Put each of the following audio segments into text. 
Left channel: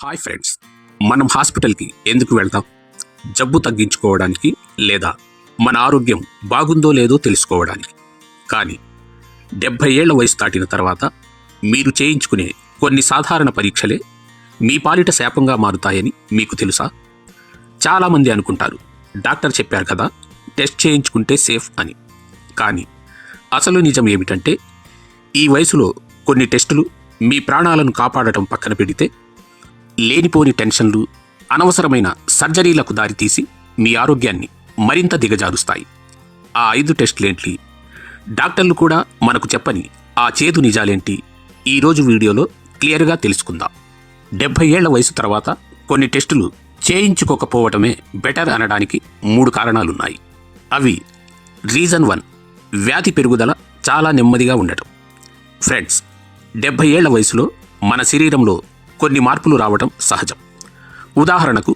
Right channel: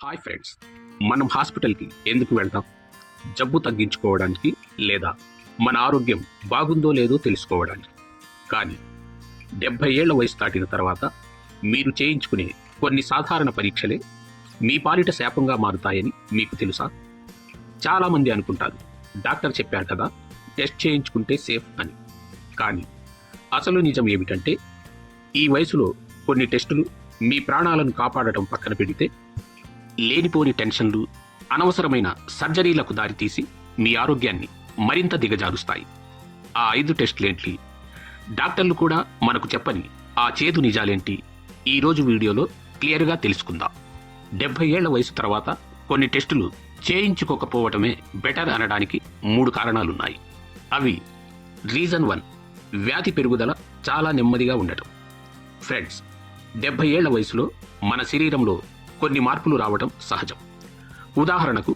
Hi friends, మనం హాస్పిటల్కి ఎందుకు వెళ్తాం? జబ్బు తగ్గించుకోవడానికి లేదా మన ఆరోగ్యం బాగుందో లేదో తెలుసుకోవడానికి. కానీ 70 ఏళ్ల వయసు దాటిన తర్వాత మీరు చేయించుకునే కొన్ని సాధారణ పరీక్షలే మీ పాలిట శాపంగా మారుతాయని మీకు తెలుసా? చాలామంది అనుకుంటారు, డాక్టర్ చెప్పారు కదా, టెస్ట్ చేయించుకుంటే సేఫ్ అని. కానీ అసలు నిజం ఏమిటంటే, ఈ వయసులో కొన్ని టెస్టులు మీ ప్రాణాలను కాపాడటం పక్కన పెడితే లేనిపోని టెన్షన్లు, అనవసరమైన సర్జరీలకు దారితీసి మీ ఆరోగ్యాన్ని మరింత దిగజారుస్తాయి. ఆ 5 టెస్టులేంటి? డాక్టర్లు కూడా మనకు చెప్పని ఆ చేదు నిజాలేంటి? ఈరోజు వీడియోలో క్లియర్గా తెలుసుకుందాం. 70 ఏళ్ల వయసు తర్వాత కొన్ని టెస్టులు చేయించుకోకపోవటమే బెటర్ అనడానికి 3 కారణాలున్నాయి. అవి: రీజన్ 1, వ్యాధి పెరుగుదల చాలా నెమ్మదిగా ఉండటం. ఫ్రెండ్స్, 70 ఏళ్ల వయసులో మన శరీరంలో కొన్ని మార్పులు రావటం సహజం. ఉదాహరణకు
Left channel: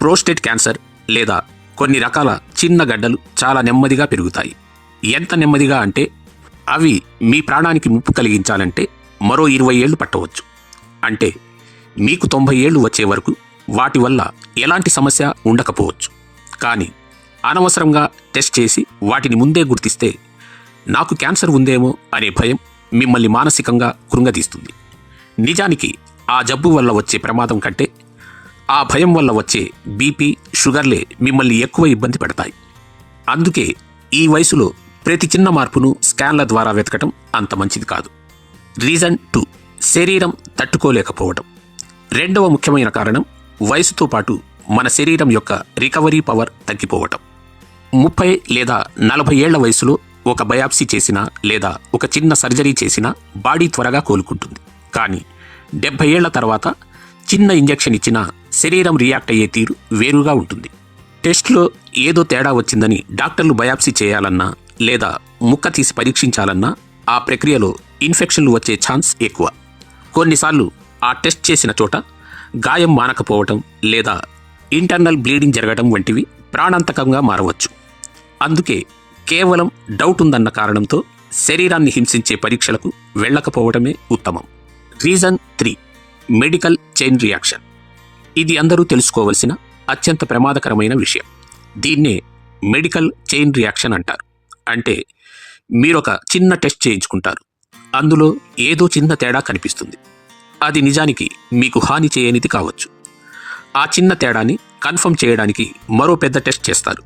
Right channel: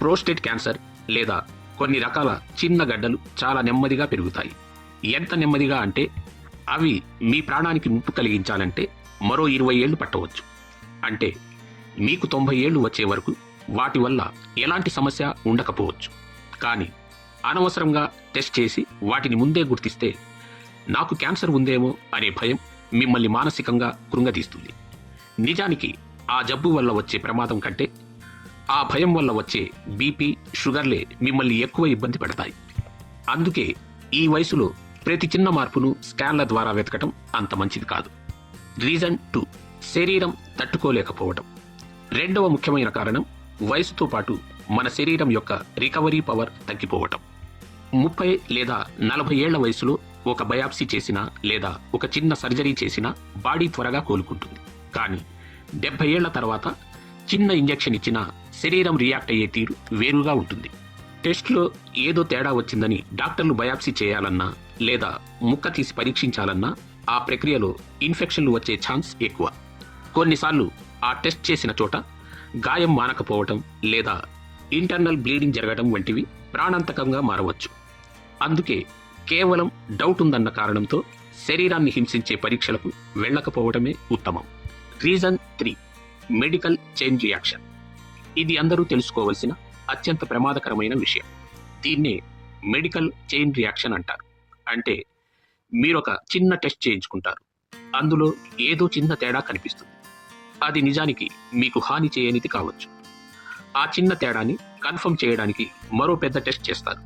ప్రోస్టేట్ క్యాన్సర్ లేదా కొన్ని రకాల చిన్న గడ్డలు చాలా నెమ్మదిగా పెరుగుతాయి. ఎంత నెమ్మదిగా అంటే అవి మీ ప్రాణానికి ముప్పు కలిగించాలంటే మరో 20 ఏళ్లు పట్టవచ్చు. అంటే మీకు 90 ఏళ్లు వచ్చే వరకు వాటి వల్ల ఎలాంటి సమస్య ఉండకపోవచ్చు. కానీ అనవసరంగా టెస్ట్ చేసి వాటిని ముందే గుర్తిస్తే నాకు క్యాన్సర్ ఉందేమో అనే భయం మిమ్మల్ని మానసికంగా కృంగదీస్తుంది. నిజానికి ఆ జబ్బు వల్ల వచ్చే ప్రమాదం కంటే ఆ భయం వల్ల వచ్చే బీపీ, షుగర్లే మిమ్మల్ని ఎక్కువ ఇబ్బంది పెడతాయి. అందుకే ఈ వయసులో ప్రతి చిన్న మార్పును స్కాన్ల ద్వారా వెతకటం అంత మంచిది కాదు. రీజన్ 2, శరీరం తట్టుకోలేకపోవడం. రెండవ ముఖ్యమైన కారణం వయసుతో పాటు మన శరీరం యొక్క రికవరీ పవర్ తగ్గిపోవటం. 30 లేదా 40 ఏళ్ల వయసులో ఒక బయాప్సీ చేసినా లేదా ఒక చిన్న సర్జరీ చేసినా బాడీ త్వరగా కోలుకుంటుంది. కానీ 70 ఏళ్ల తర్వాత చిన్న ఇంజెక్షన్ ఇచ్చినా శరీరం రియాక్ట్ అయ్యే తీరు వేరుగా ఉంటుంది. టెస్ట్లో ఏదో తేడా వచ్చిందని డాక్టర్లు బయాప్సీ చేయాలన్నా లేదా ముక్క తీసి పరీక్షించాలన్నా ఆ ప్రక్రియలో ఇన్ఫెక్షన్లు వచ్చే ఛాన్స్ ఎక్కువ. కొన్నిసార్లు ఆ టెస్ట్ చేసిన చోట గాయం మానకపోవటం లేదా ఇంటర్నల్ బ్లీడింగ్ జరగడం వంటివి ప్రాణాంతకంగా మారవచ్చు. అందుకే కేవలం డౌట్ ఉందన్న కారణంతో శరీరాన్ని హింసించే పరీక్షలకు వెళ్ళకపోవడమే ఉత్తమం. Reason 3, medical chain reaction. ఇది అందరూ తెలుసుకోవలసిన అత్యంత ప్రమాదకరమైన విషయం. దీన్నే మెడికల్ చైన్ రియాక్షన్ అంటారు. అంటే మీరొక చిన్న టెస్ట్ చేయించుకుంటారు, అందులో ఏదో చిన్న తేడా కనిపిస్తుంది. అది నిజానికి మీకు హాని చేయనిది కావచ్చు. ఆ చిన్న తేడాని కన్ఫర్మ్ చేయడానికి మరో పెద్ద టెస్ట్ చేస్తారు.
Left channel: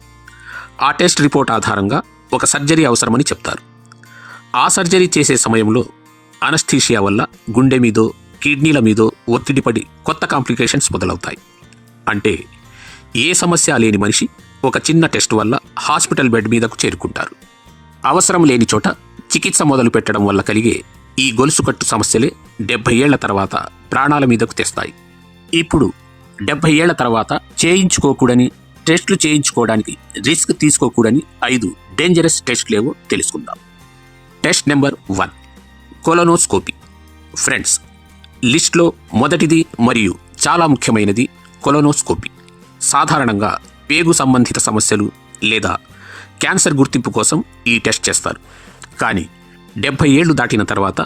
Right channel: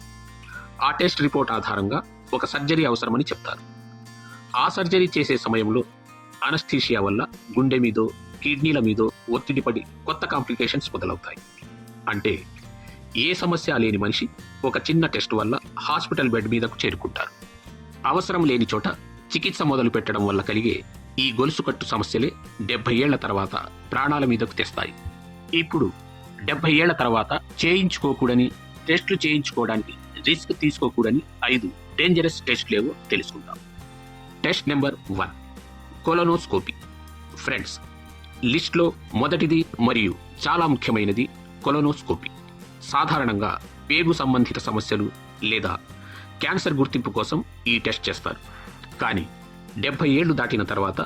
ఆ టెస్ట్ రిపోర్ట్ ఆధారంగా ఒక సర్జరీ అవసరమని చెప్తారు. ఆ సర్జరీ చేసే సమయంలో అనస్థీషియా వల్ల గుండె మీదో కిడ్నీల మీదో ఒత్తిడి పడి కొత్త కాంప్లికేషన్స్ మొదలవుతాయి. అంటే ఏ సమస్య లేని మనిషి ఒక చిన్న టెస్ట్ వల్ల హాస్పిటల్ బెడ్ మీదకు చేరుకుంటారు. అవసరం లేని చోట చికిత్స మొదలు పెట్టడం వల్ల కలిగే ఈ గొలుసుకట్టు సమస్యలే 70 ఏళ్ల తర్వాత ప్రాణాల మీదకు తెస్తాయి. ఇప్పుడు 70 ఏళ్ల తర్వాత చేయించుకోకూడని టెస్టులు చేయించుకోవడానికి రిస్క్ తీసుకోకూడని 5 డేంజరస్ టెస్టులేవో తెలుసుకుందాం. Test number 1, colonoscopy. ఫ్రెండ్స్, లిస్ట్లో మొదటిది మరియు చాలా ముఖ్యమైనది కొలనోస్కోపీ. సాధారణంగా పేగు సంబంధిత సమస్యలు లేదా క్యాన్సర్ గుర్తింపు కోసం ఈ టెస్ట్ చేస్తారు. కానీ 70 ఏళ్లు దాటిన తర్వాత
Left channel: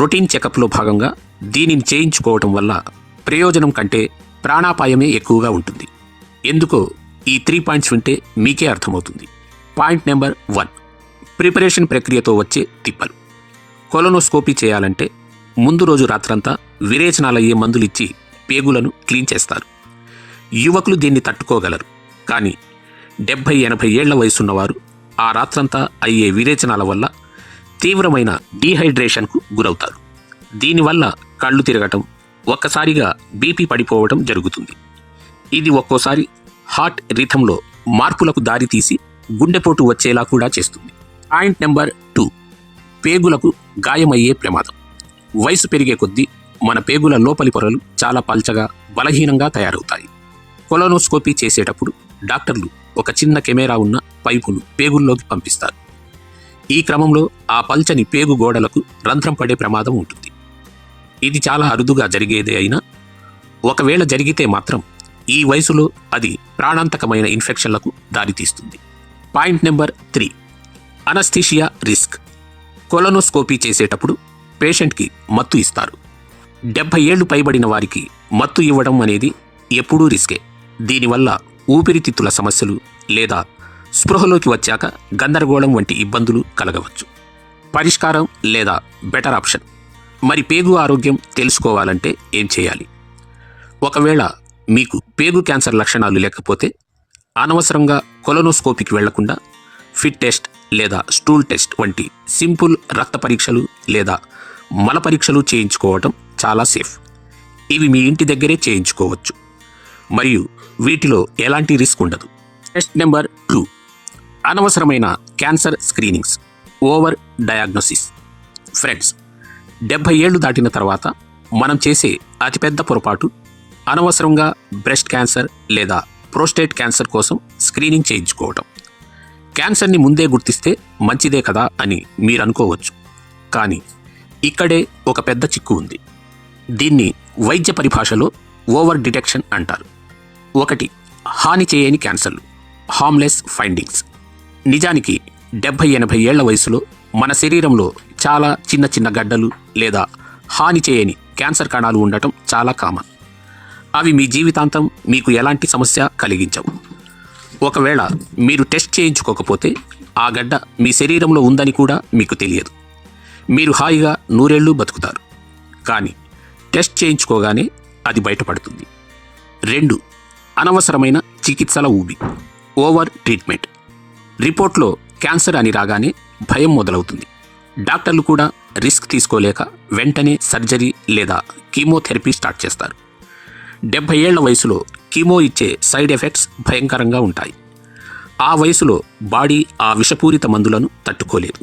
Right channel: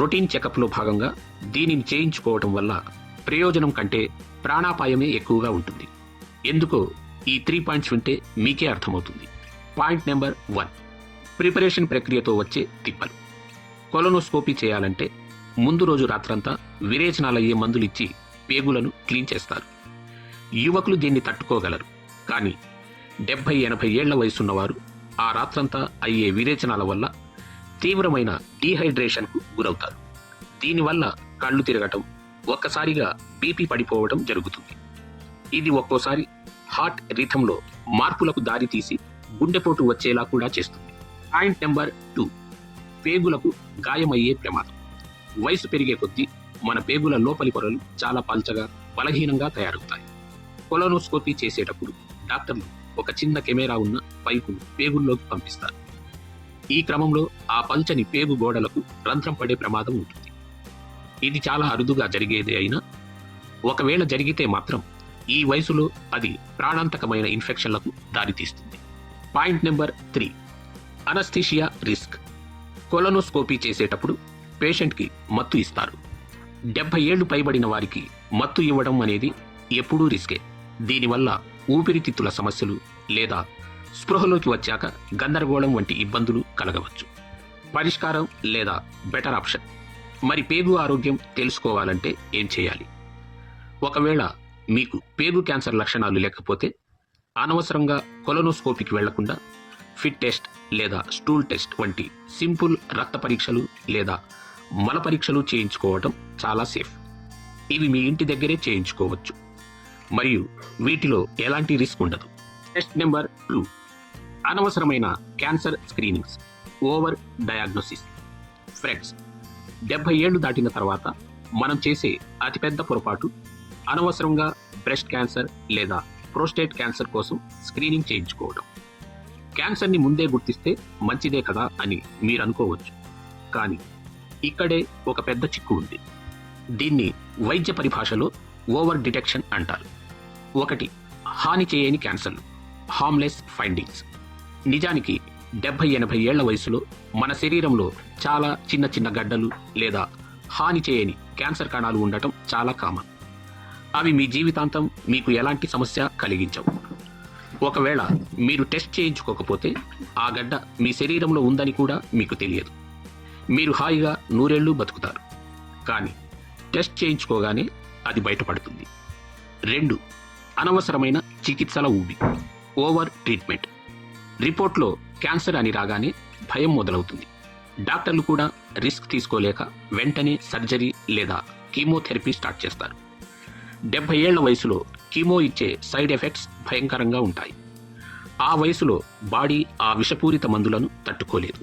రొటీన్ చెకప్లో భాగంగా దీనిని చేయించుకోవటం వల్ల ప్రయోజనం కంటే ప్రాణాపాయమే ఎక్కువగా ఉంటుంది. ఎందుకో ఈ 3 పాయింట్స్ వింటే మీకే అర్థమవుతుంది. పాయింట్ నెంబర్ 1, ప్రిపరేషన్ ప్రక్రియతో వచ్చే తిప్పలు. కొలనోస్కోపీ చేయాలంటే ముందు రోజు రాత్రంతా విరేచనాలయ్యే మందులిచ్చి పేగులను క్లీన్ చేస్తారు. యువకులు దీన్ని తట్టుకోగలరు. కానీ 70-80 ఏళ్ల వయసున్నవారు ఆ రాత్రంతా అయ్యే విరేచనాల వల్ల తీవ్రమైన డీహైడ్రేషన్కు గురవుతారు. దీనివల్ల కళ్ళు తిరగటం, ఒక్కసారిగా బీపీ పడిపోవడం జరుగుతుంది. ఇది ఒక్కోసారి హార్ట్ రిథంలో మార్పులకు దారితీసి గుండెపోటు వచ్చేలా కూడా చేస్తుంది. పాయింట్ నెంబర్ 2, పేగులకు గాయమయ్యే ప్రమాదం. వయసు పెరిగే కొద్దీ మన పేగుల లోపలి పొరలు చాలా పల్చగా, బలహీనంగా తయారవుతాయి. కొలనోస్కోపీ చేసేటప్పుడు డాక్టర్లు ఒక చిన్న కెమెరా ఉన్న పైపును పేగుల్లోకి పంపిస్తారు. ఈ క్రమంలో ఆ పల్చని పేగు గోడలకు రంధ్రం పడే ప్రమాదం ఉంటుంది. ఇది చాలా అరుదుగా జరిగేదే అయినా ఒకవేళ జరిగితే మాత్రం ఈ వయసులో అది ప్రాణాంతకమైన ఇన్ఫెక్షన్లకు దారితీస్తుంది. Point number 3, anaesthesia risk. Colonoscopy చేసేటప్పుడు పేషెంట్కి మత్తు ఇస్తారు. 70 ఏళ్లు పైబడిన వారికి మత్తు ఇవ్వడం అనేది ఎప్పుడూ రిస్కే. దీనివల్ల ఊపిరితిత్తుల సమస్యలు లేదా స్పృహలోకి వచ్చాక గందరగోళం వంటి ఇబ్బందులు కలగవచ్చు. పరిష్కారం లేదా బెటర్ ఆప్షన్. మరి పేగు ఆరోగ్యం తెలుసుకోవాలంటే ఏం చేయాలి? ఒకవేళ మీకు పేగు క్యాన్సర్ లక్షణాలు లేకపోతే అనవసరంగా కొలనోస్కోపీకి వెళ్లకుండా ఫిట్ టెస్ట్ లేదా స్టూల్ టెస్ట్ వంటి సింపుల్ రక్త పరీక్షలు లేదా మల పరీక్షలు చేయించుకోవడం చాలా సేఫ్. ఇవి మీ ఇంటి దగ్గరే చేయించుకోవచ్చు మరియు వీటిలో ఎలాంటి రిస్క్ ఉండదు. టెస్ట్ నెంబర్ 2, అనవసరమైన cancer screenings, over diagnosis. Friends, 70 ఏళ్లు దాటిన తర్వాత మనం చేసే అతిపెద్ద పొరపాటు అనవసరంగా బ్రెస్ట్ క్యాన్సర్ లేదా ప్రోస్టేట్ క్యాన్సర్ కోసం స్క్రీనింగ్ చేయించుకోవటం. క్యాన్సర్ని ముందే గుర్తిస్తే మంచిదే కదా అని మీరు అనుకోవచ్చు. కానీ ఇక్కడే ఒక పెద్ద చిక్కు ఉంది. దీన్ని వైద్య పరిభాషలో ఓవర్ డిటెక్షన్ అంటారు. 1, హాని చేయని క్యాన్సర్లు, హార్మ్లెస్ ఫైండింగ్స్. నిజానికి 70-80 ఏళ్ల వయసులో మన శరీరంలో చాలా చిన్న చిన్న గడ్డలు లేదా హాని చేయని క్యాన్సర్ కణాలు ఉండటం చాలా కామన్. అవి మీ జీవితాంతం మీకు ఎలాంటి సమస్య కలిగించవు. ఒకవేళ మీరు టెస్ట్ చేయించుకోకపోతే ఆ గడ్డ మీ శరీరంలో ఉందని కూడా మీకు తెలియదు. మీరు హాయిగా 100 ఏళ్ళు బతుకుతారు. కానీ టెస్ట్ చేయించుకోగానే అది బయటపడుతుంది. 2, అనవసరమైన చికిత్సల ఊబి, ఓవర్ ట్రీట్మెంట్. రిపోర్ట్లో క్యాన్సర్ అని రాగానే భయం మొదలవుతుంది. డాక్టర్లు కూడా రిస్క్ తీసుకోలేక వెంటనే సర్జరీ లేదా కీమోథెరపీ స్టార్ట్ చేస్తారు. 70 ఏళ్ల వయసులో కీమో ఇచ్చే సైడ్ ఎఫెక్ట్స్ భయంకరంగా ఉంటాయి. ఆ వయసులో బాడీ ఆ విషపూరిత మందులను తట్టుకోలేదు.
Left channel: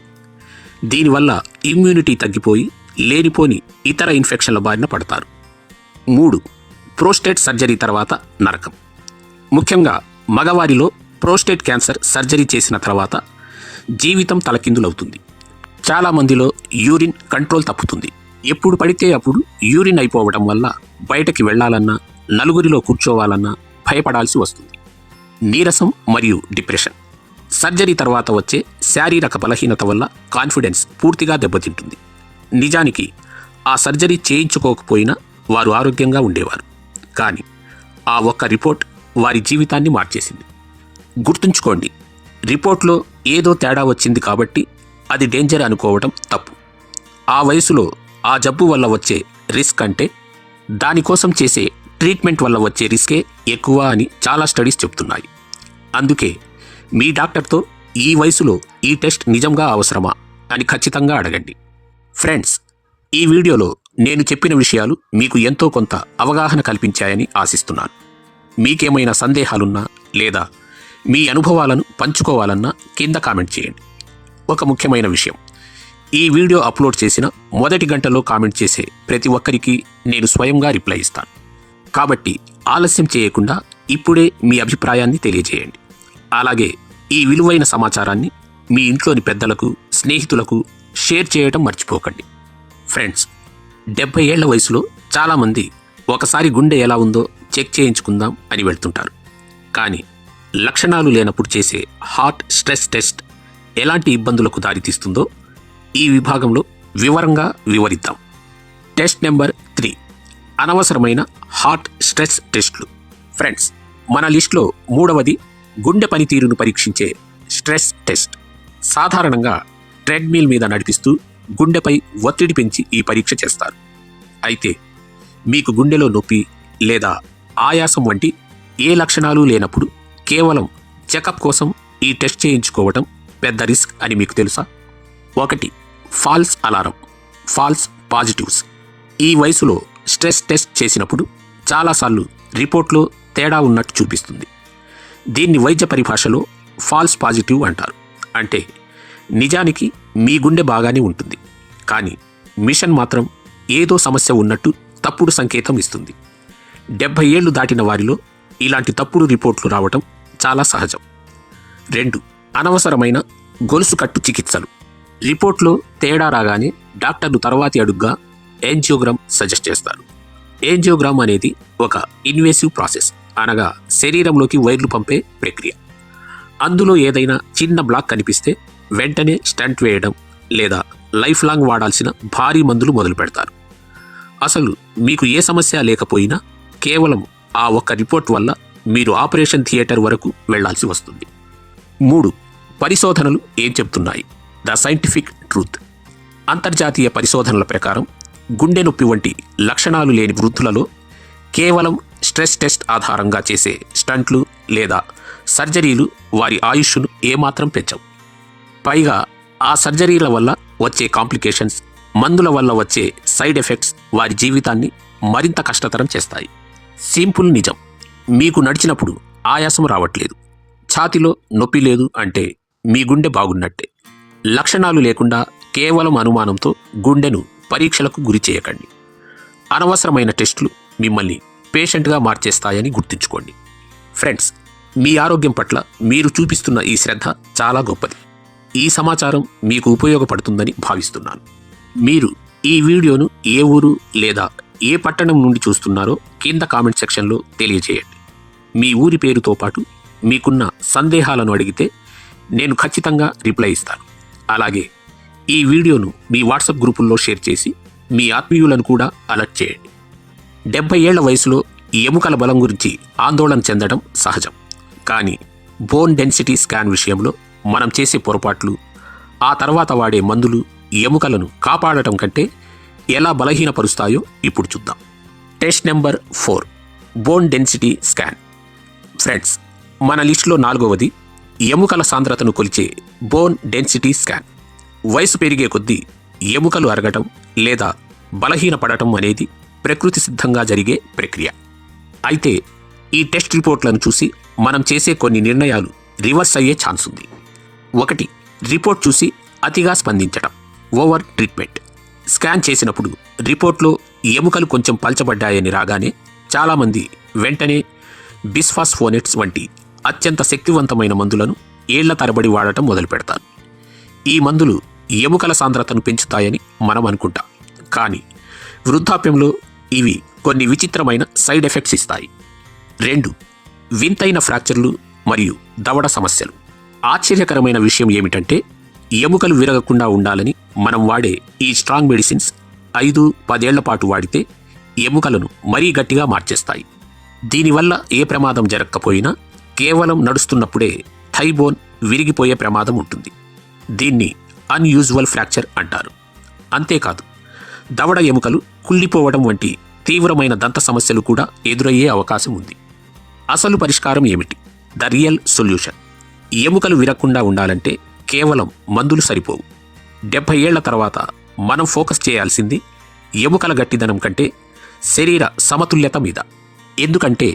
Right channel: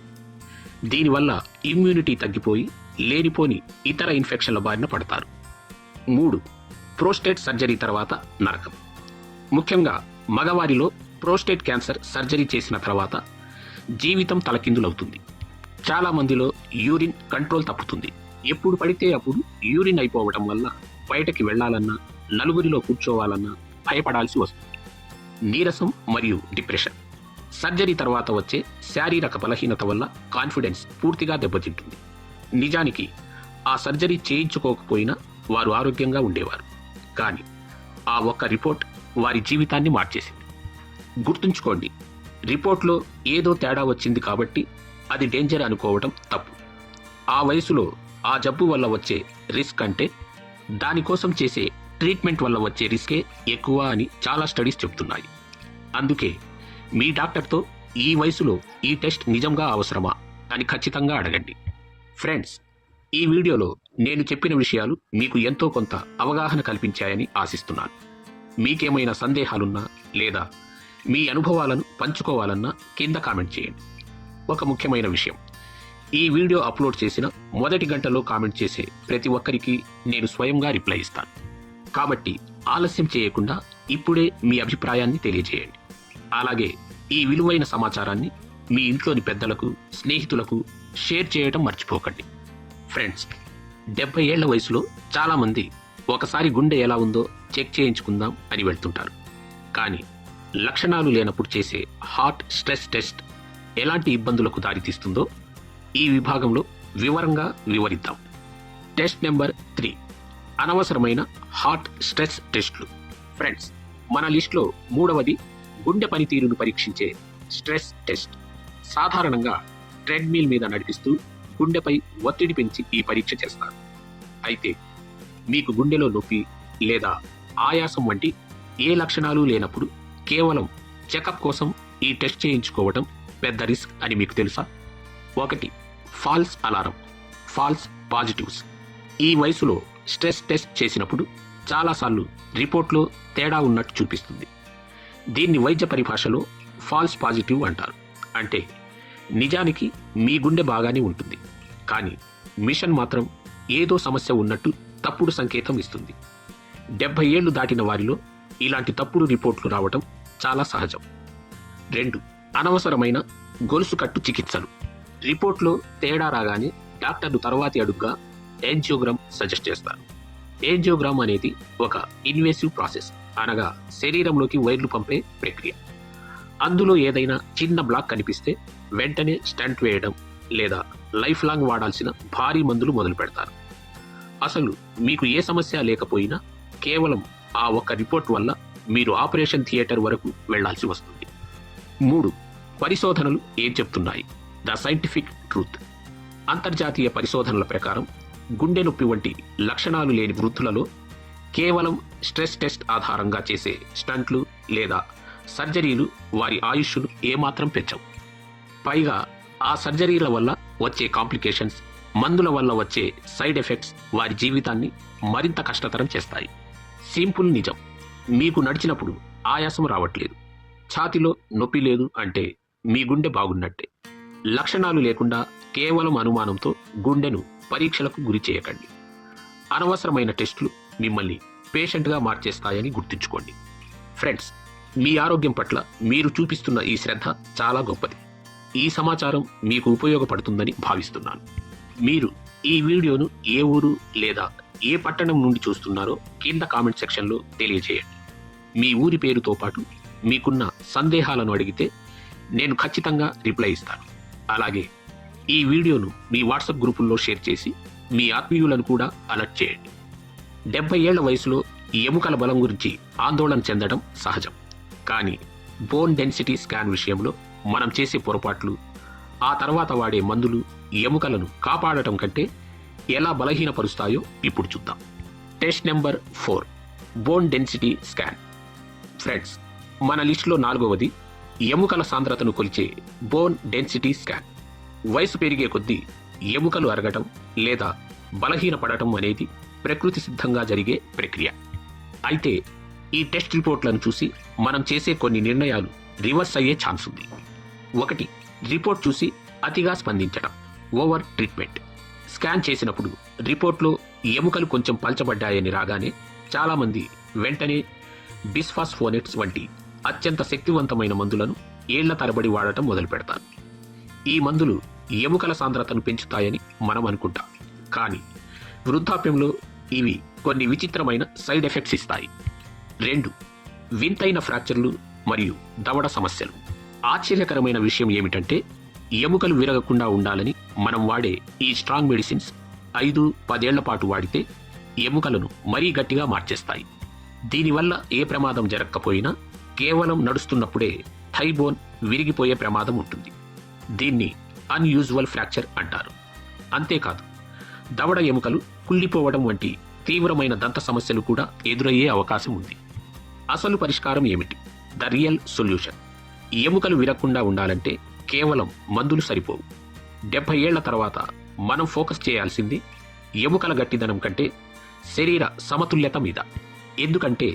దీనివల్ల ఇమ్యూనిటీ తగ్గిపోయి లేనిపోని ఇతర ఇన్ఫెక్షన్ల బారిన పడతారు. 3, ప్రోస్టేట్ సర్జరీ తర్వాత నరకం. ముఖ్యంగా మగవారిలో ప్రోస్టేట్ క్యాన్సర్ సర్జరీ చేసిన తర్వాత జీవితం తలకిందులవుతుంది. చాలామందిలో యూరిన్ కంట్రోల్ తప్పుతుంది. ఎప్పుడు పడితే అప్పుడు యూరిన్ అయిపోవడం వల్ల బయటకి వెళ్లాలన్నా నలుగురిలో కూర్చోవాలన్నా భయపడాల్సి వస్తుంది. నీరసం మరియు డిప్రెషన్. సర్జరీ తర్వాత వచ్చే శారీరక బలహీనత వల్ల కాన్ఫిడెన్స్ పూర్తిగా దెబ్బతింటుంది. నిజానికి ఆ సర్జరీ చేయించుకోకపోయినా వారు ఆరోగ్యంగా ఉండేవారు. కానీ ఆ ఒక్క రిపోర్ట్ వారి జీవితాన్ని మార్చేసింది. గుర్తుంచుకోండి, రిపోర్ట్లో ఏదో తేడా వచ్చింది కాబట్టి అది డేంజర్ అనుకోవడం తప్పు. ఆ వయసులో ఆ జబ్బు వల్ల వచ్చే రిస్క్ అంటే దానికోసం చేసే ట్రీట్మెంట్ వల్ల వచ్చే రిస్కే ఎక్కువ అని చాలా స్టడీస్ చెప్తున్నాయి. అందుకే మీ డాక్టర్తో ఈ వయసులో ఈ టెస్ట్ నిజంగా అవసరమా అని ఖచ్చితంగా అడగండి. ఫ్రెండ్స్, ఈ వీడియోలో నేను చెప్పిన విషయాలు మీకు ఎంతో కొంత అవగాహన కల్పించాయని ఆశిస్తున్నాను. మీకేమైనా సందేహాలున్నా లేదా మీ అనుభవాలను పంచుకోవాలన్నా కింద కామెంట్ చేయండి. ఒక ముఖ్యమైన విషయం, ఈ వీడియో అప్లోడ్ చేసిన మొదటి గంటలో కామెంట్ చేసే ప్రతి ఒక్కరికి నేను స్వయంగా రిప్లై ఇస్తాను. కాబట్టి ఆలస్యం చేయకుండా ఇప్పుడే మీ అభిప్రాయాన్ని తెలియజేయండి. అలాగే ఈ విలువైన సమాచారాన్ని మీ ఇంట్లోని పెద్దలకు, స్నేహితులకు షేర్ చేయడం మర్చిపోకండి. ఫ్రెండ్స్, 70 ఏళ్ల వయసులో చాలామంది ఒకసారి గుండె ఎలా ఉందో చెక్ చేయించుకుందాం అని వెళ్తుంటారు. కానీ లక్షణాలు లేనప్పుడు చేసే హార్ట్ స్ట్రెస్ టెస్ట్ ఎలాంటి ఇబ్బందులకు దారితీస్తుందో ఈ విభాగంలో వివరంగా వివరిద్దాం. టెస్ట్ నెంబర్ 3, అనవసరమైన హార్ట్ స్ట్రెస్ టెస్ట్లు. ఫ్రెండ్స్, మన లిస్టులో 3వది గుండె పనితీరును పరీక్షించే స్ట్రెస్ టెస్ట్. సాధారణంగా ట్రెడ్మిల్ మీద నడిపిస్తూ గుండెపై ఒత్తిడి పెంచి ఈ పరీక్ష చేస్తారు. అయితే మీకు గుండెలో నొప్పి లేదా ఆయాసం వంటి ఏ లక్షణాలు లేనప్పుడు కేవలం చెకప్ కోసం ఈ టెస్ట్ చేయించుకోవడం పెద్ద రిస్క్ అని మీకు తెలుసా? 1, ఫాల్స్ అలారం, ఫాల్స్ పాజిటివ్స్. ఈ వయసులో స్ట్రెస్ టెస్ట్ చేసినప్పుడు చాలాసార్లు రిపోర్ట్లో తేడా ఉన్నట్టు చూపిస్తుంది. దీన్ని వైద్య పరిభాషలో ఫాల్స్ పాజిటివ్ అంటారు. అంటే నిజానికి మీ గుండె బాగానే ఉంటుంది, కానీ మిషన్ మాత్రం ఏదో సమస్య ఉన్నట్టు తప్పుడు సంకేతం ఇస్తుంది. 70 ఏళ్లు దాటిన వారిలో ఇలాంటి తప్పుడు రిపోర్ట్లు రావటం చాలా సహజం. 2, అనవసరమైన గొలుసు కట్టు చికిత్సలు. రిపోర్ట్లో తేడా రాగానే డాక్టర్లు తర్వాతి అడుగ్గా యాంజియోగ్రామ్ సజెస్ట్ చేస్తారు. యాంజియోగ్రామ్ అనేది ఒక ఇన్వేసివ్ ప్రాసెస్, అనగా శరీరంలోకి వైర్లు పంపే ప్రక్రియ. అందులో ఏదైనా చిన్న బ్లాక్ కనిపిస్తే వెంటనే స్టంట్ వేయడం లేదా లైఫ్ లాంగ్ వాడాల్సిన భారీ మందులు మొదలు పెడతారు. అసలు మీకు ఏ సమస్య లేకపోయినా కేవలం ఆ ఒక్క రిపోర్ట్ వల్ల మీరు ఆపరేషన్ థియేటర్ వరకు వెళ్లాల్సి వస్తుంది. 3. పరిశోధనలు ఏం చెప్తున్నాయి? The scientific truth. అంతర్జాతీయ పరిశోధనల ప్రకారం గుండె నొప్పి వంటి లక్షణాలు లేని వృద్ధులలో కేవలం స్ట్రెస్ టెస్ట్ ఆధారంగా చేసే స్టంట్లు లేదా సర్జరీలు వారి ఆయుష్ను ఏమాత్రం పెంచవు. పైగా ఆ సర్జరీల వల్ల వచ్చే కాంప్లికేషన్స్, మందుల వల్ల వచ్చే సైడ్ ఎఫెక్ట్స్ వారి జీవితాన్ని మరింత కష్టతరం చేస్తాయి. సింపుల్ నిజం, మీకు నడిచినప్పుడు ఆయాసం రావట్లేదు, ఛాతీలో నొప్పి లేదు అంటే మీ గుండె బాగున్నట్టే. లక్షణాలు లేకుండా కేవలం అనుమానంతో గుండెను పరీక్షలకు గురి చేయకండి. అనవసరమైన టెస్టులు మిమ్మల్ని పేషెంట్గా మార్చేస్తాయని గుర్తుంచుకోండి. ఫ్రెండ్స్, మీ ఆరోగ్యం పట్ల మీరు చూపిస్తున్న ఈ శ్రద్ధ చాలా గొప్పది. ఈ సమాచారం మీకు ఉపయోగపడుతుందని భావిస్తున్నాను. మీరు ఈ వీడియోను ఏ ఊరు లేదా ఏ పట్టణం నుండి చూస్తున్నారో కింద కామెంట్ సెక్షన్లో తెలియజేయండి. మీ ఊరి పేరుతో పాటు మీకున్న సందేహాలను అడిగితే నేను ఖచ్చితంగా రిప్లై ఇస్తాను. అలాగే ఈ వీడియోను మీ వాట్సాప్ గ్రూపుల్లో షేర్ చేసి మీ ఆత్మీయులను కూడా అలర్ట్ చేయండి. 70 ఏళ్ల వయసులో ఎముకల బలం గురించి ఆందోళన చెందడం సహజం. కానీ బోన్ డెన్సిటీ స్కాన్ విషయంలో మనం చేసే పొరపాట్లు, ఆ తర్వాత వాడే మందులు ఎముకలను కాపాడటం కంటే ఎలా బలహీనపరుస్తాయో ఇప్పుడు చూద్దాం. Test number 4, bone density scan. Friends, మన లిస్టులో 4వది ఎముకల సాంద్రతను కొలిచే బోన్ డెన్సిటీ స్కాన్. వయసు పెరిగే కొద్దీ ఎముకలు అరగటం లేదా బలహీనపడటం అనేది ప్రకృతి సిద్ధంగా జరిగే ప్రక్రియ. అయితే ఈ టెస్ట్ రిపోర్ట్లను చూసి మనం చేసే కొన్ని నిర్ణయాలు రివర్స్ అయ్యే ఛాన్స్ ఉంది. 1. రిపోర్ట్ చూసి అతిగా స్పందించడం, ఓవర్ ట్రీట్మెంట్. స్కాన్ చేసినప్పుడు రిపోర్ట్లో ఎముకలు కొంచెం పల్చబడ్డాయని రాగానే చాలామంది వెంటనే బిస్ఫాస్ఫోనేట్స్ వంటి అత్యంత శక్తివంతమైన మందులను ఏళ్ల తరబడి వాడటం మొదలు పెడతారు. ఈ మందులు ఎముకల సాంద్రతను పెంచుతాయని మనం అనుకుంటాం. కానీ వృద్ధాప్యంలో ఇవి కొన్ని విచిత్రమైన సైడ్ ఎఫెక్ట్స్ ఇస్తాయి. 2. వింతైన ఫ్రాక్చర్లు మరియు దవడ సమస్యలు. ఆశ్చర్యకరమైన విషయం ఏమిటంటే ఎముకలు విరగకుండా ఉండాలని మనం వాడే ఈ స్ట్రాంగ్ మెడిసిన్స్ 5-10 ఏళ్ల పాటు వాడితే ఎముకలను మరీ గట్టిగా మార్చేస్తాయి. దీనివల్ల ఏ ప్రమాదం జరగకపోయినా కేవలం నడుస్తున్నప్పుడే థైబోన్ విరిగిపోయే ప్రమాదం ఉంటుంది. దీన్ని అన్యూజువల్ ఫ్రాక్చర్ అంటారు. అంతేకాదు, దవడ ఎముకలు కుళ్ళిపోవడం వంటి తీవ్రమైన దంత సమస్యలు కూడా ఎదురయ్యే అవకాశం ఉంది. అసలు పరిష్కారం ఏమిటి? The real solution. ఎముకలు విరగకుండా ఉండాలంటే కేవలం మందులు సరిపోవు. 70 ఏళ్ల తర్వాత మనం ఫోకస్ చేయాల్సింది ఎముకల గట్టిదనం కంటే శరీర సమతుల్యత మీద. ఎందుకంటే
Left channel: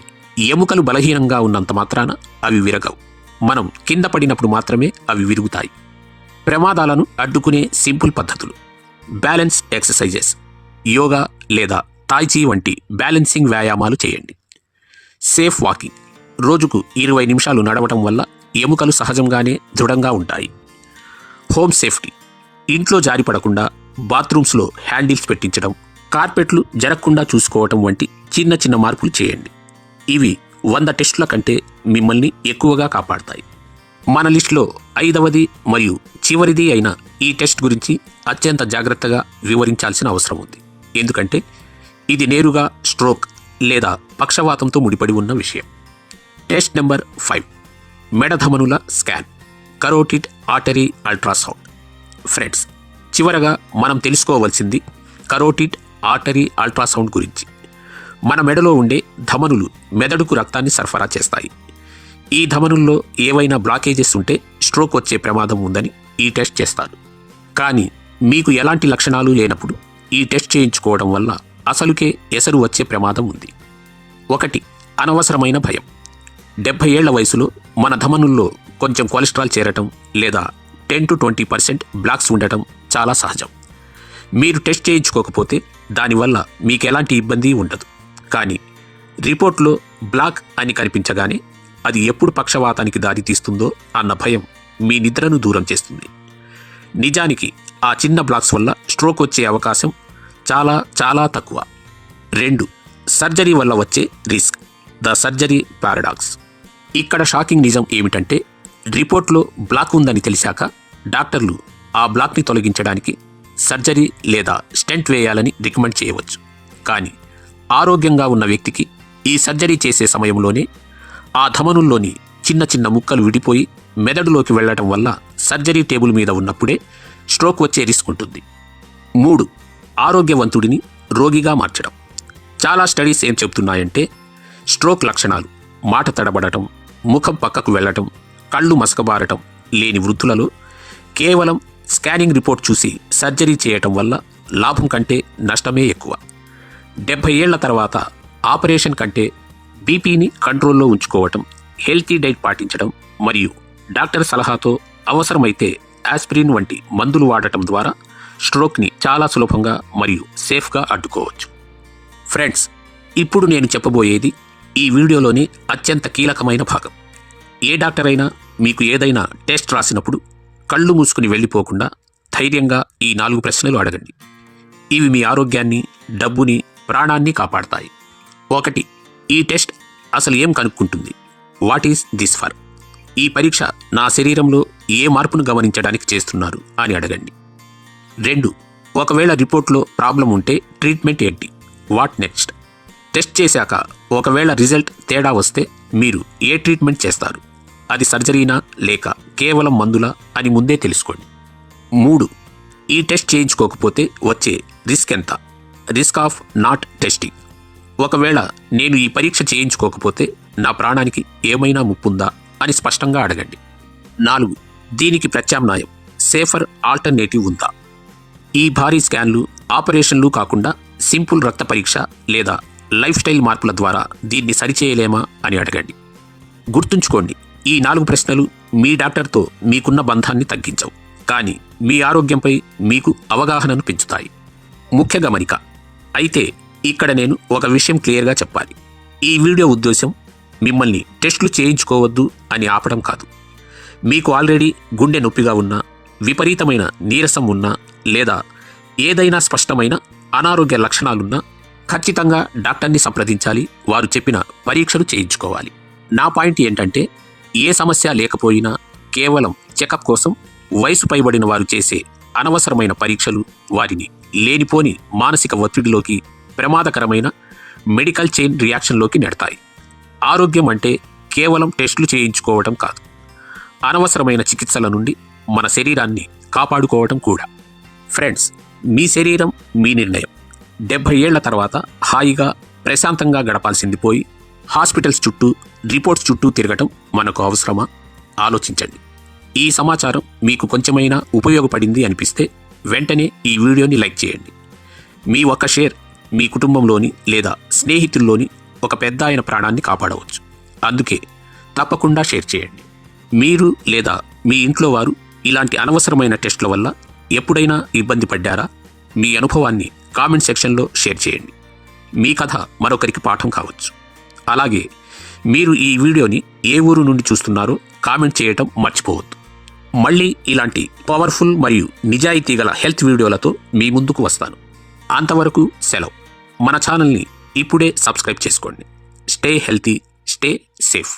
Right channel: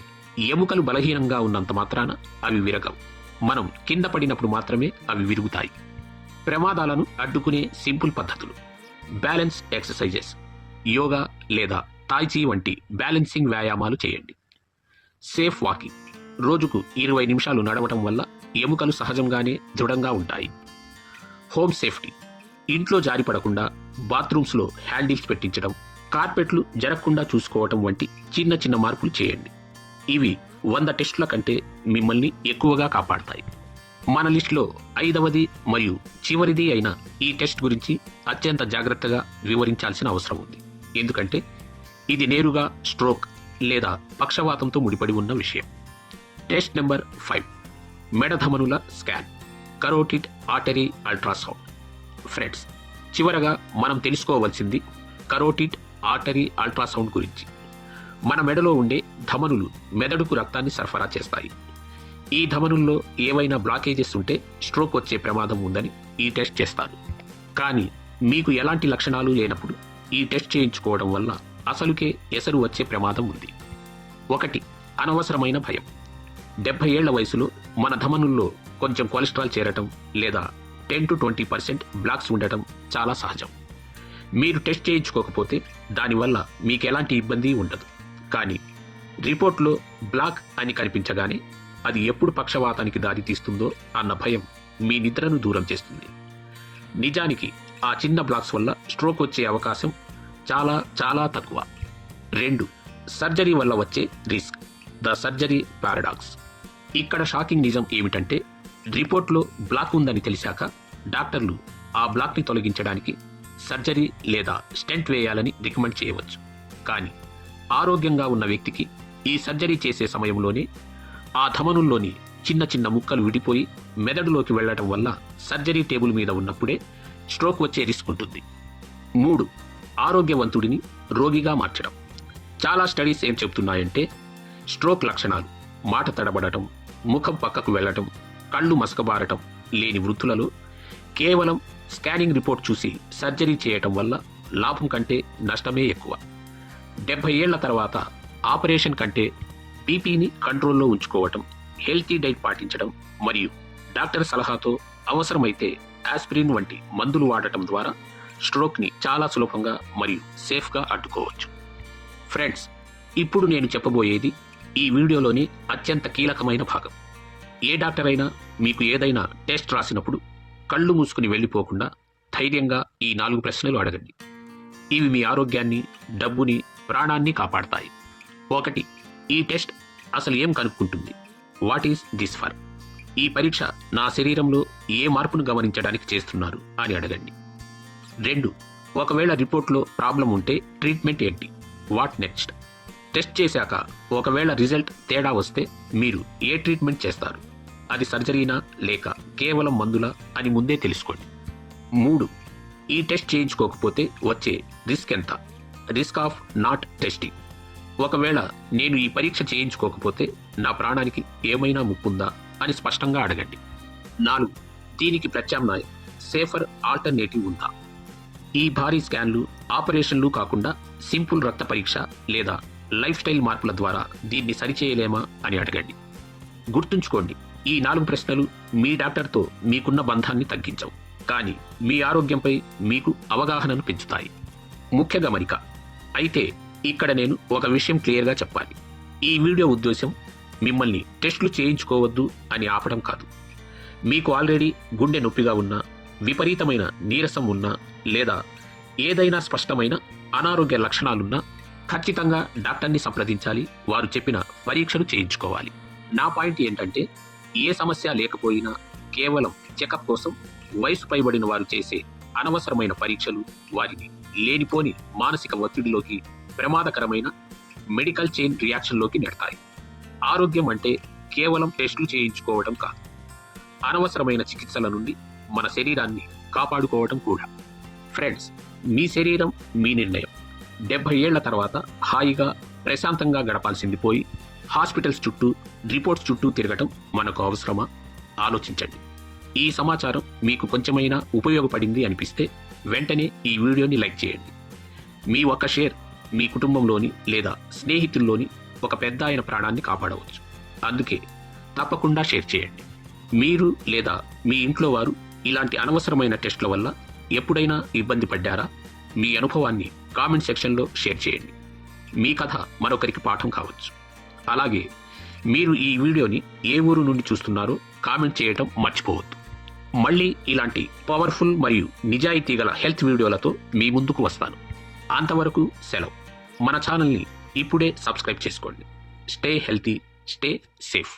ఎముకలు బలహీనంగా ఉన్నంత మాత్రాన అవి విరగవు. మనం కింద పడినప్పుడు మాత్రమే అవి విరుగుతాయి. ప్రమాదాలను అడ్డుకునే సింపుల్ పద్ధతులు: బ్యాలెన్స్ ఎక్సర్సైజెస్, యోగా లేదా తాయిచీ వంటి బ్యాలెన్సింగ్ వ్యాయామాలు చేయండి. సేఫ్ వాకింగ్, రోజుకు 20 నిమిషాలు నడవటం వల్ల ఎముకలు సహజంగానే దృఢంగా ఉంటాయి. హోమ్ సేఫ్టీ, ఇంట్లో జారిపడకుండా బాత్రూమ్స్లో హ్యాండిల్స్ పెట్టించడం, కార్పెట్లు జరగకుండా చూసుకోవటం వంటి చిన్న చిన్న మార్పులు చేయండి. ఇవి 100 టెస్టుల కంటే మిమ్మల్ని ఎక్కువగా కాపాడతాయి. మన లిస్టులో 5వది మరియు చివరిది అయిన ఈ టెస్ట్ గురించి అత్యంత జాగ్రత్తగా వివరించాల్సిన అవసరం ఉంది. ఎందుకంటే ఇది నేరుగా స్ట్రోక్ లేదా పక్షవాతంతో ముడిపడి ఉన్న విషయం. టెస్ట్ నెంబర్ 5, మెడధమనుల scan, carotid artery ultrasound. Friends, చివరగా మనం తెలుసుకోవాల్సింది కరోటిడ్ ఆర్టరీ అల్ట్రాసౌండ్ గురించి. మన మెడలో ఉండే ధమనులు మెదడుకు రక్తాన్ని సరఫరా చేస్తాయి. ఈ ధమనుల్లో ఏవైనా బ్లాకేజెస్ ఉంటే స్ట్రోక్ వచ్చే ప్రమాదం ఉందని ఈ టెస్ట్ చేస్తారు. కానీ మీకు ఎలాంటి లక్షణాలు లేనప్పుడు ఈ టెస్ట్ చేయించుకోవడం వల్ల అసలుకే ఎసరు వచ్చే ప్రమాదం ఉంది. 1. అనవసరమైన భయం. 70 ఏళ్ల వయసులో మన ధమనుల్లో కొంచెం కొలెస్ట్రాల్ చేరటం లేదా 10-20% బ్లాక్స్ ఉండటం చాలా సహజం. మీరు టెస్ట్ చేయించుకోకపోతే దానివల్ల మీకు ఎలాంటి ఇబ్బంది ఉండదు. కానీ రిపోర్ట్లో బ్లాక్ అని కనిపించగానే అది ఎప్పుడు పక్షవాతానికి దారితీస్తుందో అన్న భయం మీ నిద్రను దూరం చేస్తుంది. నిజానికి ఆ చిన్న బ్లాక్స్ వల్ల స్ట్రోక్ వచ్చే అవకాశం చాలా చాలా తక్కువ. 2. సర్జరీ వల్ల వచ్చే రిస్క్, ద సర్జరీ పారాడాక్స్. ఇక్కడ షాకింగ్ నిజం ఏమిటంటే రిపోర్ట్లో బ్లాక్ ఉందని తెలిసాక డాక్టర్లు ఆ బ్లాక్ని తొలగించడానికి సర్జరీ లేదా స్టెంట్ వేయాలని రికమెండ్ చేయవచ్చు. కానీ ఆరోగ్యంగా ఉన్న వ్యక్తికి ఈ సర్జరీ చేసే సమయంలోనే ఆ ధమనుల్లోని చిన్న చిన్న ముక్కలు విడిపోయి మెదడులోకి వెళ్లటం వల్ల సర్జరీ టేబుల్ మీద ఉన్నప్పుడే స్ట్రోక్ వచ్చే రిస్క్ ఉంటుంది. 3. ఆరోగ్యవంతుడిని రోగిగా మార్చడం. చాలా స్టడీస్ ఏం చెబుతున్నాయంటే స్ట్రోక్ లక్షణాలు మాట తడబడటం, ముఖం పక్కకు వెళ్లటం, కళ్ళు మసకబారటం లేని వృద్ధులలో కేవలం స్కానింగ్ రిపోర్ట్ చూసి సర్జరీ చేయటం వల్ల లాభం కంటే నష్టమే ఎక్కువ. 70 ఏళ్ల తర్వాత ఆపరేషన్ కంటే బీపీని కంట్రోల్లో ఉంచుకోవటం, హెల్తీ డైట్ పాటించడం మరియు డాక్టర్ సలహాతో అవసరమైతే ఆస్పిరిన్ వంటి మందులు వాడటం ద్వారా స్ట్రోక్ని చాలా సులభంగా మరియు సేఫ్గా అడ్డుకోవచ్చు. ఫ్రెండ్స్, ఇప్పుడు నేను చెప్పబోయేది ఈ వీడియోలోని అత్యంత కీలకమైన భాగం. ఏ డాక్టర్ అయినా మీకు ఏదైనా టెస్ట్ రాసినప్పుడు కళ్ళు మూసుకుని వెళ్ళిపోకుండా ధైర్యంగా ఈ 4 ప్రశ్నలు అడగండి. ఇవి మీ ఆరోగ్యాన్ని, డబ్బుని, ప్రాణాన్ని కాపాడతాయి. 1. ఈ టెస్ట్ అసలు ఏం కనుక్కుంటుంది? What is this for? ఈ పరీక్ష నా శరీరంలో ఏ మార్పును గమనించడానికి చేస్తున్నారు అని అడగండి. 2. ఒకవేళ రిపోర్ట్లో ప్రాబ్లం ఉంటే ట్రీట్మెంట్ ఏంటి? What next? టెస్ట్ చేశాక ఒకవేళ రిజల్ట్ తేడా వస్తే మీరు ఏ ట్రీట్మెంట్ చేస్తారు? అది సర్జరీనా లేక కేవలం మందులా అని ముందే తెలుసుకోండి. 3. ఈ టెస్ట్ చేయించుకోకపోతే వచ్చే రిస్క్ ఎంత? Risk of not testing. ఒకవేళ నేను ఈ పరీక్ష చేయించుకోకపోతే నా ప్రాణానికి ఏమైనా ముప్పుందా అని స్పష్టంగా అడగండి. 4. దీనికి ప్రత్యామ్నాయం, సేఫర్ ఆల్టర్నేటివ్ ఉందా? ఈ భారీ స్కాన్లు, ఆపరేషన్లు కాకుండా సింపుల్ రక్త పరీక్ష లేదా లైఫ్ స్టైల్ మార్పుల ద్వారా దీన్ని సరిచేయలేమా అని అడగండి. గుర్తుంచుకోండి, ఈ 4 ప్రశ్నలు మీ డాక్టర్తో మీకున్న బంధాన్ని తగ్గించవు, కానీ మీ ఆరోగ్యంపై మీకు అవగాహనను పెంచుతాయి. ముఖ్య గమనిక. అయితే ఇక్కడ నేను ఒక విషయం క్లియర్గా చెప్పాలి. ఈ వీడియో ఉద్దేశం మిమ్మల్ని టెస్టులు చేయించుకోవద్దు అని ఆపడం కాదు. మీకు ఆల్రెడీ గుండె నొప్పిగా ఉన్నా, విపరీతమైన నీరసం ఉన్నా లేదా ఏదైనా స్పష్టమైన అనారోగ్య లక్షణాలున్నా ఖచ్చితంగా డాక్టర్ని సంప్రదించాలి. వారు చెప్పిన పరీక్షలు చేయించుకోవాలి. నా పాయింట్ ఏంటంటే ఏ సమస్య లేకపోయినా కేవలం చెకప్ కోసం వయసు పైబడిన వారు చేసే అనవసరమైన పరీక్షలు వారిని లేనిపోని మానసిక ఒత్తిడిలోకి, ప్రమాదకరమైన మెడికల్ చైన్ రియాక్షన్లోకి నెడతాయి. ఆరోగ్యం అంటే కేవలం టెస్టులు చేయించుకోవడం కాదు, అనవసరమైన చికిత్సల నుండి మన శరీరాన్ని కాపాడుకోవడం కూడా. ఫ్రెండ్స్, మీ శరీరం మీ నిర్ణయం. 70 ఏళ్ల తర్వాత హాయిగా ప్రశాంతంగా గడపాల్సింది పోయి హాస్పిటల్స్ చుట్టూ, రిపోర్ట్స్ చుట్టూ తిరగటం మనకు అవసరమా? ఆలోచించండి. ఈ సమాచారం మీకు కొంచెమైనా ఉపయోగపడింది అనిపిస్తే వెంటనే ఈ వీడియోని లైక్ చేయండి. మీ ఒక్క షేర్ మీ కుటుంబంలోని లేదా స్నేహితుల్లోని ఒక పెద్ద ఆయన ప్రాణాన్ని కాపాడవచ్చు. అందుకే తప్పకుండా షేర్ చేయండి. మీరు లేదా మీ ఇంట్లో వారు ఇలాంటి అనవసరమైన టెస్టుల వల్ల ఎప్పుడైనా ఇబ్బంది పడ్డారా? మీ అనుభవాన్ని కామెంట్ సెక్షన్లో షేర్ చేయండి. మీ కథ మరొకరికి పాఠం కావచ్చు. అలాగే మీరు ఈ వీడియోని ఏ ఊరు నుండి చూస్తున్నారో కామెంట్ చేయటం మర్చిపోవద్దు. మళ్ళీ ఇలాంటి పవర్ఫుల్ మరియు నిజాయితీ గల హెల్త్ వీడియోలతో మీ ముందుకు వస్తాను. అంతవరకు సెలవు. మన ఛానల్ని ఇప్పుడే సబ్స్క్రైబ్ చేసుకోండి. Stay healthy, stay safe.